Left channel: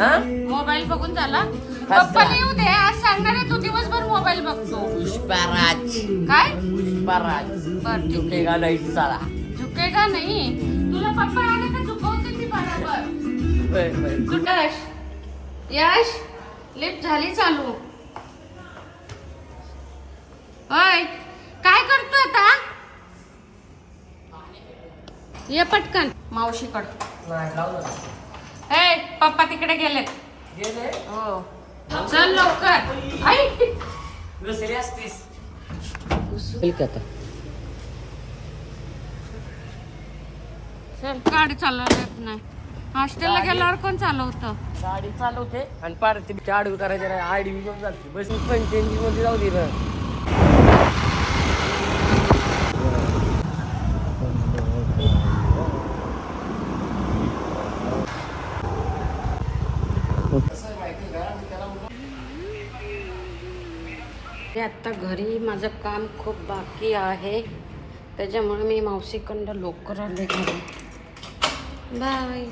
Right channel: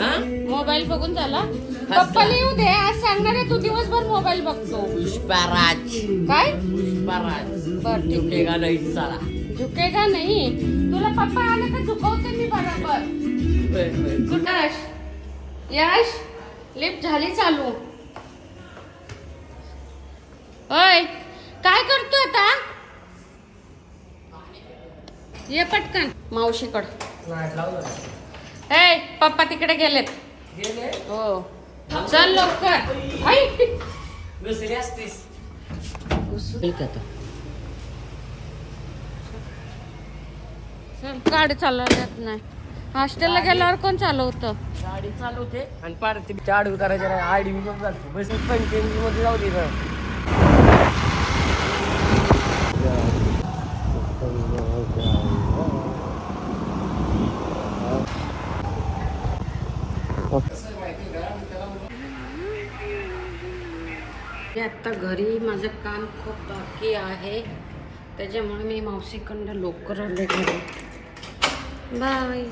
हा मोबाईल बघून झाला. First पप्पाला class. येऊ दे, आज सांगणार आहे तू दिवसभर मोबाईल बघतो. पुष्पराज काय पुष्पराज बर झुकेगा नहीं साला. झुकेगा नाही. तुला पप्पा आले का झुकवते मी बरोबर. यश यश लिफ्ट झाली चालू. ओय काय करतोय आता? ये पटकन मावशीकडं. ए पप्पा तिकडे गेलेत. हो चल लवकर. आई चल गाडी चालवत नाही. हॉस्टेलला गेल्यावर कोण चालवतं? गाडी चालवते आणि पार चाड उतारायच्या आडी जातो बस 85 मध्ये जाऊ दे ना. आता घरी माझं काम खूप बाकी आहे, त्याच्यामुळे मी मावशीकडं लवकर आले घरी. बाय.